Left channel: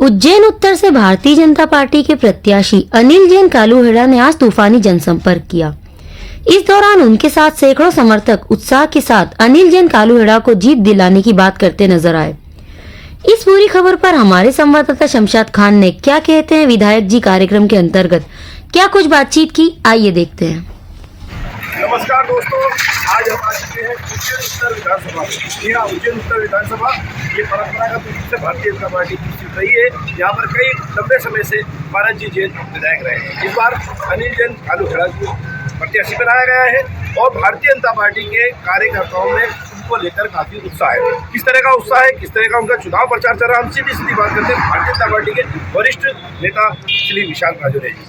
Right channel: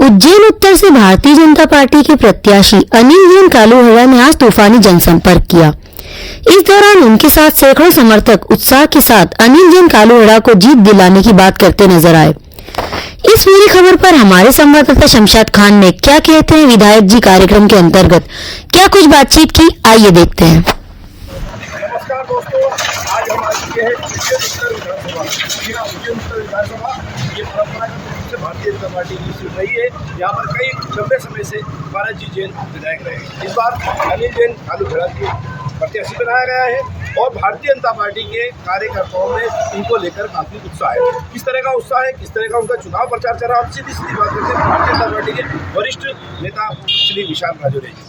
उज्जैन उत्तर से भारतीय जनता पार्टी के प्रत्याशी अनिल जैन कालूहड़ा ने आज तूफानी जनसंपर्क किया। इस दौरान उनके साथ सैकड़ों समर्थक उत्साह के साथ अनिल जैन कालूहड़ा को जीत दिलाने की बात करते नजर आए। इस पूरी खबर पर हमारे संवाददाता शमशाद खान ने क्या कहते हैं विधायक जी कार्यक्रम के अंतर्गत क्या कुछ बातचीत की, आइए देखते हैं। नमस्कार दोस्तों, आज हम आ चुके हैं उज्जैन उत्तर विधानसभा। जी हाँ, उज्जैन उत्तर विधानसभा ये परंपरागत रूप से भारतीय जनता पार्टी की सीट रही है। यहाँ पर कई लंबे समय से भारत जी जैन विधायक रहे हैं। इस बार अनिल जैन कालूहड़ा जी प्रत्याशी बनाया गया है और भारतीय जनता पार्टी के कार्यकर्ताओं में उनको लेकर काफी उत्साह है। किस तरह का उत्साह है, किस तरह का उनका चुनाव प्रचार चल रहा है, हम सीधी सीधी बात करते हैं भारतीय जनता पार्टी के वरिष्ठ नेता श्री विशाल राजौरिया जी।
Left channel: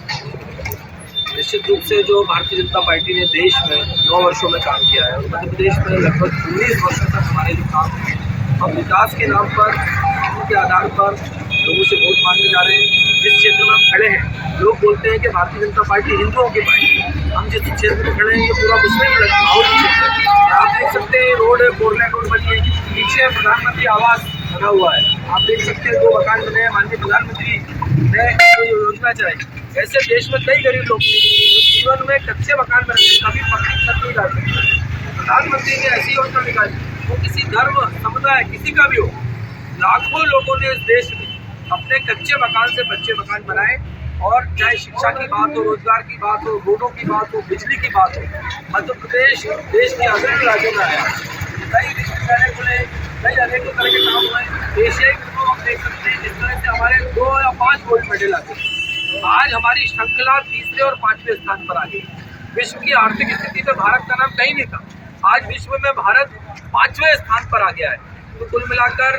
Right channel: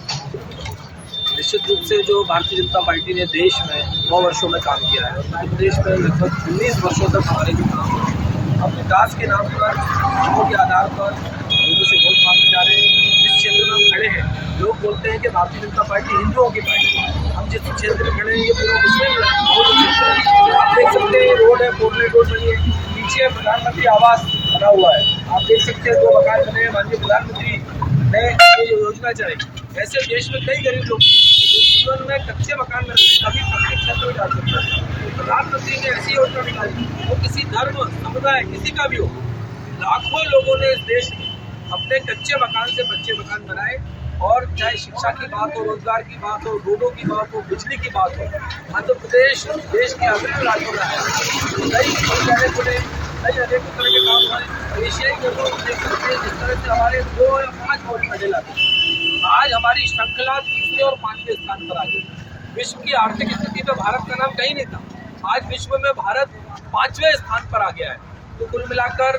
निश्चित रूप से जो भारतीय जनता पार्टी ने देश में 9 वर्षों में काम किया है और मध्य प्रदेश में लगभग 19 वर्षों तक हमारे जो काम हुए, हम विकास के नाम पर कामों के आधार पर लोगों से वोट मांगने जा रहे हैं। जिस क्षेत्र में हम खड़े हैं, लोग बोलते हैं कि भारतीय जनता पार्टी हिंदुओं की पार्टी है। हम जिस क्षेत्र में खड़े हैं ये पूरा मुस्लिम माहौल क्षेत्र है। आप देख सकते हैं रोड है, 4 लेन रोड बनी है, पीछे प्रधानमंत्री आवास बना हुआ है। आप देख सकते हैं 2 मकान बने हैं। माननीय प्रधानमंत्री ने जो योजना चलाई, ऐसे देश में कई गरीब लोग थे जो जीवन में कच्चे मकान में रहते, कभी पक्की छत नहीं डाल सकते। प्रधानमंत्री ने ऐसी योजना निकाली, वो किसी धर्म समुदाय किसी का भी हो, लाखों लोगों ने इस देश में अपने कच्चे मकान से बच्चे मकान बनाए। और चाहे शिक्षा की बात हो, रोजगार की बात हो, रोडों की बात हो, बिजली की बात हो, मध्य प्रदेश देश के अग्रणी राज्यों में आया। कई विद्यालय खुले, कई अनेक तरह के काम हुए। एशियाई गेमों में देख सकते हैं जिस तरह से हमारे 2 या 5 गोल्ड मेडल आते हैं। आज हमारी श्रृंखला 3रे और 5वें स्थान पर आ गई। विश्व की आर्थिक स्थिति में भारत का नाम कहीं नहीं था, आज विश्व में भारत 5वें स्थान पर आ गया है। तो कुल मिलाकर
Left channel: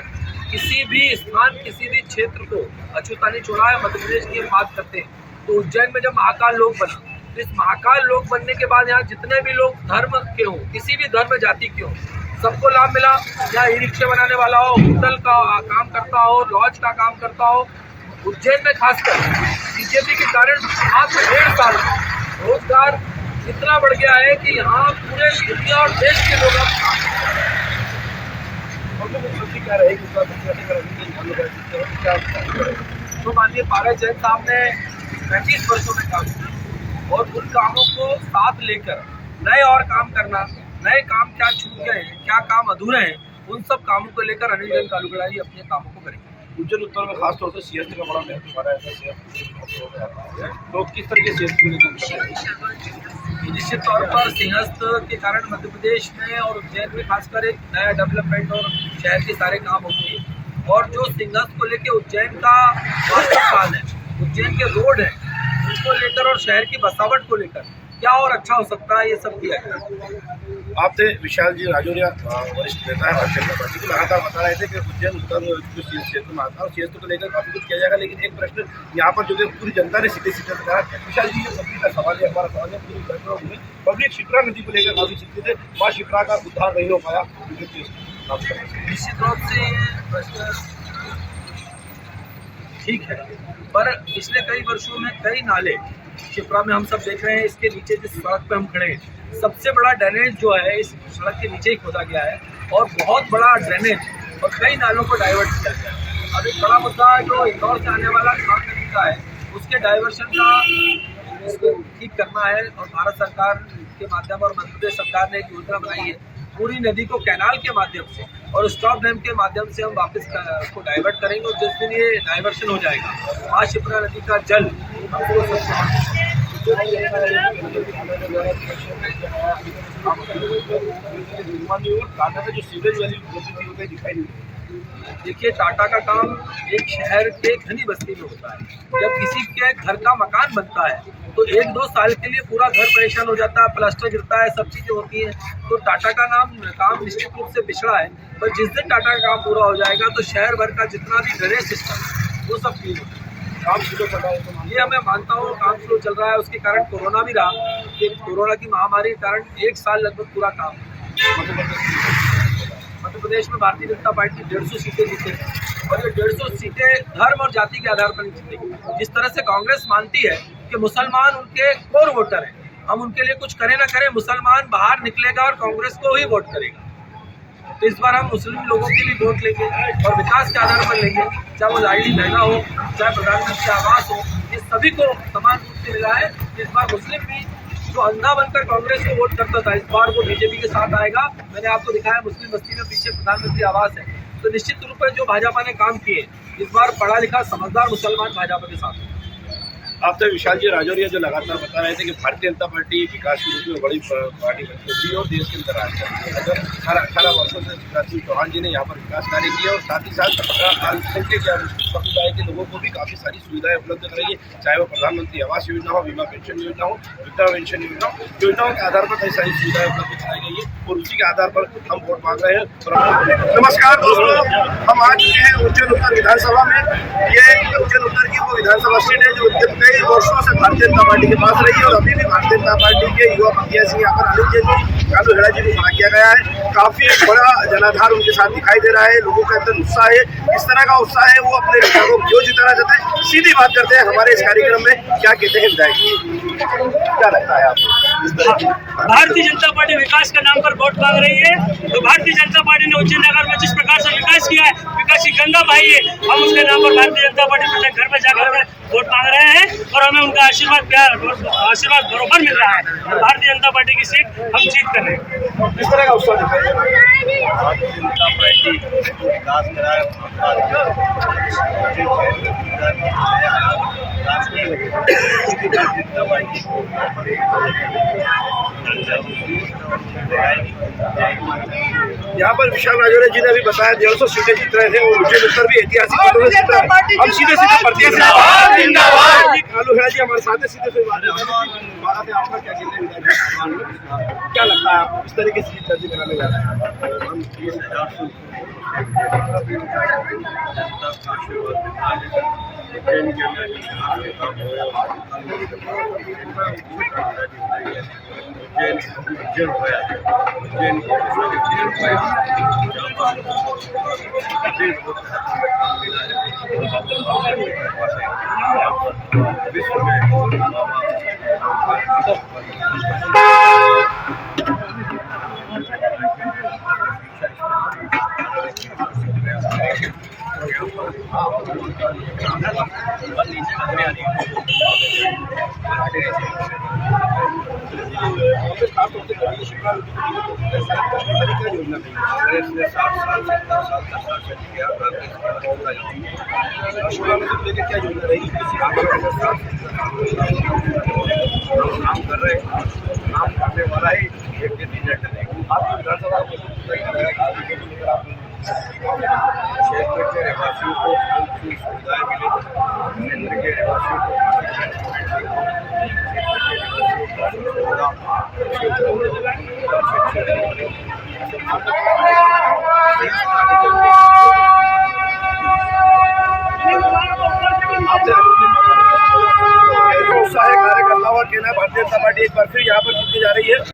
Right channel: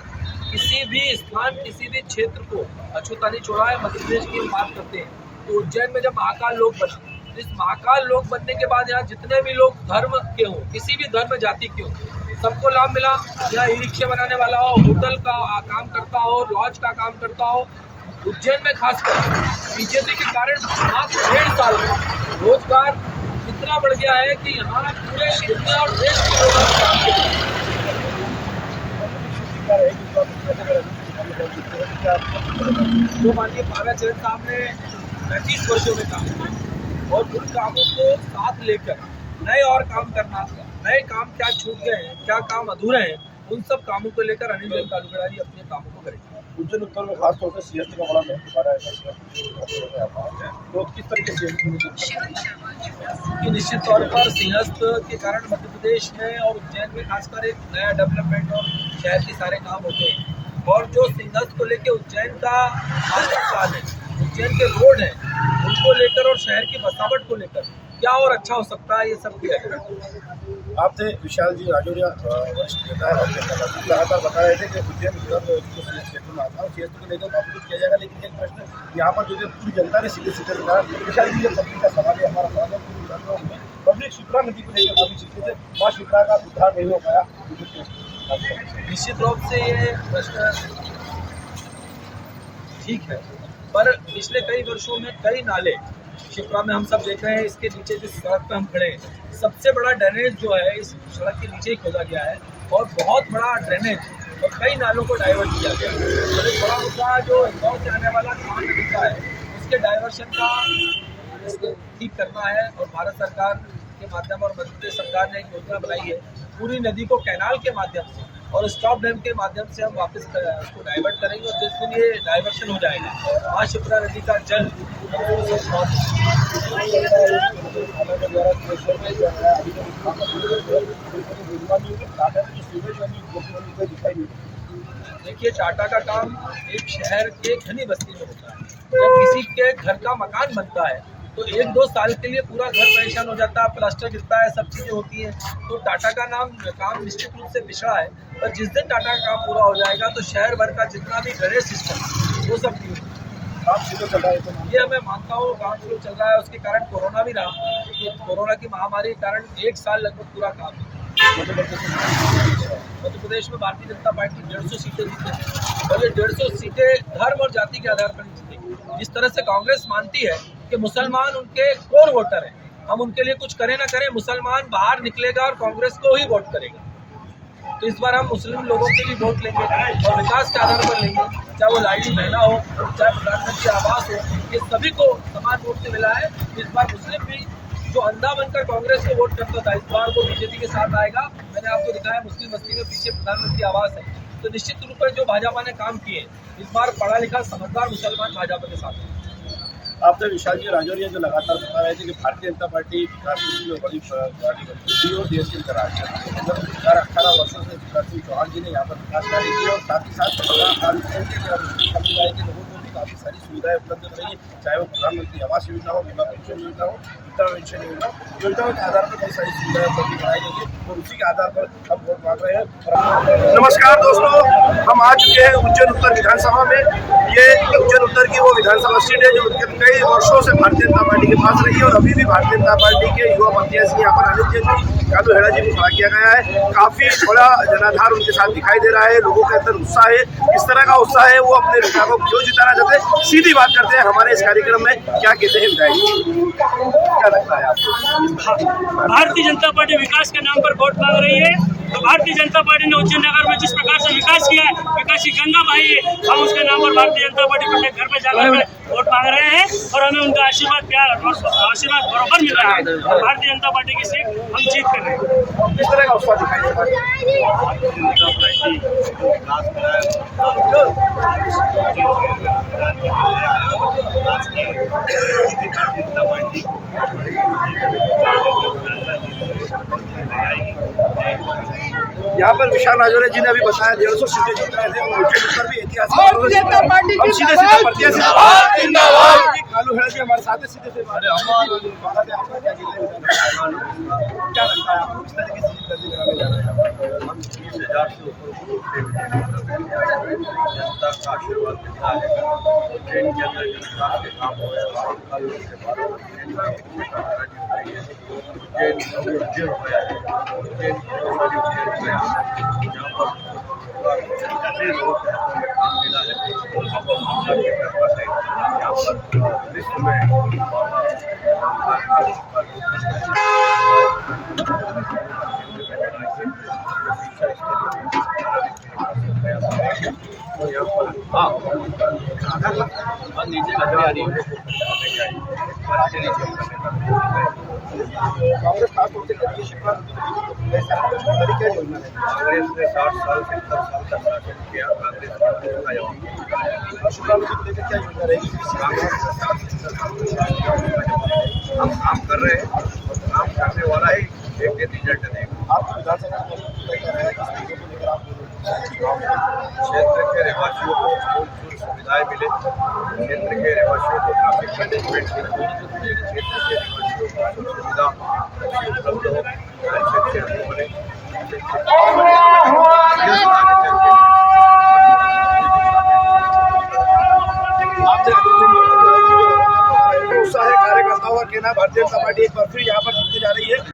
किसी भी स्थान, किसी भी क्षेत्र को अछूता नहीं छोड़ा है। मध्य प्रदेश की हम बात करते हैं तो उज्जैन में जब महाकाल लोक बना, तो इस महाकाल लोक बनने के बाद यहाँ जितने भी लोग धर्म के हों, किसी भी धर्म जाति के हों, सबको लाभ मिला। यहाँ ई रिक्शा बनाने वाला हो, होटल का काम करता हो, लॉज का काम करता हो, उज्जैन में खासकर बीजेपी के कारण मात्र 1.5 साल में रोजगार इतना बढ़ गया है कि यहाँ पूरे दुनिया और देश के लोग अब काम कर रहे हैं। क्या रहेगी जो माननीय पारा जैन साहब ने 35 वर्षों में काम किया और उन कामों को साथ लेकर नए और काम करना, नए काम क्या छूट गए हैं, क्या काम अधूरे हैं, उन सब कामों को लेकर अनिल जैन कालूहड़ा जी अपने कामों को करेंगे। उज्जैन उत्तर में खासतौर से सीएसटी का बड़ा महत्व आ रहा है, तो किस तरह के सीएसटी को लेकर निश्चित तौर पर सिंहस्थ के कारण मध्य प्रदेश में और उज्जैन में खासकर एक नया डेवलपमेंट और शहर के सारे काम होते हैं। और जो सिंहस्थ को लेकर उज्जैन का मास्टर प्लान है, उज्जैन के रोड हैं, उनको लेकर और शहर की बसावट को लेकर क्या और अच्छा हो सकता है, ये सब किया जाएगा। आप थे विशाल जी राजौरिया, वरिष्ठ नेता है भारतीय जनता पार्टी, लगातार बता रहे थे कि उज्जैन उत्तर जो क्षेत्र में आता है सीएसटी को लेकर काफी कुछ किया जाएगा। लेकिन एक प्रश्न यहाँ पर जो कि पूरी जनता ने सीधे सीधे बताया, विशाल जी ये पब्लिक का सवाल है, हमारा सवाल है, पूरी जनता में पब्लिक शिप्रा नदी को लेकर काफी चिंतित है। माँ शिप्रा का उद्धार नहीं हो पाया। निश्चित रूप से ये प्रश्न ठीक है, पर पिछले कई वर्षों में कई नाले शिप्रा में हम सब देख रहे हैं। इसके नीचे जिस सड़क पे हम खड़े हैं, सबसे बड़ा ड्रेनेज जो है इस सड़क के नीचे ही खोदा गया है और बहुत बड़ा ड्रेनेज और कई नालों को डाइवर्ट किया गया है। और एक बड़ा मुद्दा जो इंदौर से आने वाला खान नदी का है, उसके डाइवर्शन का इसको ठीक करना है। और भारत सरकार के माध्यम और मध्य प्रदेश सरकार ने एक योजना बनाई है, पूरी नदी को कैनाल के माध्यम से और स्टॉप डैम के माध्यम से हम वापस उसको डाइवर्ट करेंगे। और जिस दिन ये डाइवर्शन हो जाएगा, माँ शिप्रा नदी का जल हमको देखिए, टाटा का काम एक शहर के घनी बस्ती में होता है। जब किसी के घर का मकान बनता है तो 1-2 साल के लिए पूरा घर परेशान हो जाता है, प्लास्टर गिरता है, सब चीज़ें होती हैं। तो टाटा का काम निश्चित रूप से पिछड़ा है, पर जिस दिन टाटा का काम पूरा हो जाएगा तो शहर भर का जितना भी ड्रेनेज सिस्टम वो सब क्लीन होगा। काम शुरू चल रहा है तो ये मैं मानता हूँ काम शुरू चल रहा है। उसके कारण कोरोना भी रहा कि कोरोना की महामारी के कारण 1 साल लगभग पूरा काम मध्य प्रदेश में भारतीय जनता पार्टी 150 सीटें जीतेगी और ये 150 सीटें धर्म और जाति के आधार पर नहीं जीतेगी। जिस तरह से कांग्रेस मानती है कि मुसलमान उनके कोर वोटर हैं, हम उनके लिए कुछ करें ना करें, मुसलमान बाहर निकलेगा और कांग्रेस को ही वोट करेगा। तो इस बार हम मुस्लिम लोगों के भी वोट लेंगे और विकास के आधार पर लेंगे, चाहे वो लाडली बहना हो, चाहे प्रधानमंत्री आवास हो, ये सभी को समान रूप से मिला है। इस बार मुस्लिम भी जो अंधा बनकर कांग्रेस को वोट करता था, इस बार वो बीजेपी के साथ आएगा। मैंने आपको दिखाया मुस्लिम बस्ती में पीछे प्रधानमंत्री आवास है। तो निश्चित रूप से जो भाजपा ने काम किए, इस बार पढ़ा लिखा समझदार मुसलमान भाजपा के साथ है। आपसे विशाल जी राजौरिया जो लगातार बता रहे थे कि भारतीय जनता पार्टी विकास के रूप में बड़ी पार्टी बन चुकी है और देश के अंदर राज कर रही है। जब 18 वर्षों से शिवराज सिंह चौहान जी ने यहाँ पर विकास कार्य किए और साथ ही साथ अल्पसंख्यक समुदाय के लोगों को भी काफ़ी सारी सुविधाएं उपलब्ध कराई है, चाहे वो प्रधानमंत्री आवास योजना हो, बीमा पेंशन योजना हो, वृद्धा पेंशन योजना हो। योजनाओं के आधार पर कई सारी सुविधाएं उपलब्ध कराई गई है और उसी के आधार पर हम वोट मांग रहे हैं। नमस्कार दोस्तों, हम आ चुके हैं उज्जैन उत्तर विधानसभा में। ये उज्जैन उत्तर की वो विधानसभा सीट है जो कई वर्षों से भारतीय जनता पार्टी के पास रही है और अभी भी भारतीय जनता पार्टी के युवा प्रत्याशी यहाँ पर अनिल जैन जी, कालू हेड़ा जी को खड़ा किया गया है। काफी बड़ा जनाधार उनके साथ दिखाई दे रहा है, लोगों के अंदर उत्साह है। इस तरह का उत्साह है, वो अपने नेता को क्यों जिताना चाहते हैं, सीधी बात करते हैं हमारे इस कार्यक्रम में। क्या कहते हैं विधायक जी, क्या लगता है आपको? भारतीय जनता पार्टी विकास के नाम पर वोट मांग रही है, तो भारतीय जनता पार्टी ने उज्जैन नगर में जिस प्रकार से विकास किया है, विकास की गंगा बहाई है, हम उसके नाम पर भारतीय जनता पार्टी प्रत्येक घर में जाकर वोट मांग रहे हैं और हमें उनका आशीर्वाद प्यार आशीर्वाद बरोबर मिल रहा है। और भारतीय जनता पार्टी की सीट हम जीत कर रहे हैं। किस तरह का उत्साह दिखाई दे रहा है? भारतीय जनता पार्टी जो विकास करा है, भारतीय जनता पार्टी को यहाँ पर विशाल राजौरिया जी ने अभी बताया 150 सीटें जीत रहे थे और उज्जैन उत्तर भी ऐतिहासिक जीत रहा है। हम सीधे प्रत्याशी कालू हेड़ा जी हमारे साथ सीधे से बात है। आपका क्या कहते हैं, क्या लगता है इस तरीके से दर्ज कराने जा रहे हैं? हम 30,000 से ऊपर जनता का आशीर्वाद देता है। उज्जैन के अंदर विकास के काम हो रहे हैं, उज्जैन हो गया है, उज्जैन गौरवशाली उज्जैन हो गया है, जहाँ पर सभी लोगों के हाथों में काम मिला है और बाबा महाकाल की कृपा से यहाँ पर विश्व में बाबा और यहाँ पर नीचे कांग्रेस खास तौर से करी है शिमला में क्या योजना है? कांग्रेस ने 60 साल 70 साल का शासन किया। कांग्रेस का शिमला में लेकर क्या योजना रहेगी? कांग्रेस ने 60-70 साल हम काम कर रहे हैं और काम करने वाला ही एक दिन रिजल्ट देगा। आपकी विधानसभा का मौजूद क्या रहेगा, किस चीज़ों को लेकर आप क्षेत्र के रहवासियों को मूलभूत सुविधाएं मिले, क्षेत्र के रहवासियों को ट्रैफिक मैनेजमेंट ठीक हो, क्षेत्र के रहवासियों को सुविधा अच्छी उपलब्ध हो, अच्छे रोड बने, आगे चल के आपसे उत्साह है कार्यकर्ताओं का कहना है भारतीय जनता पार्टी एक बार फिर यहाँ पर जीतने जा रही है।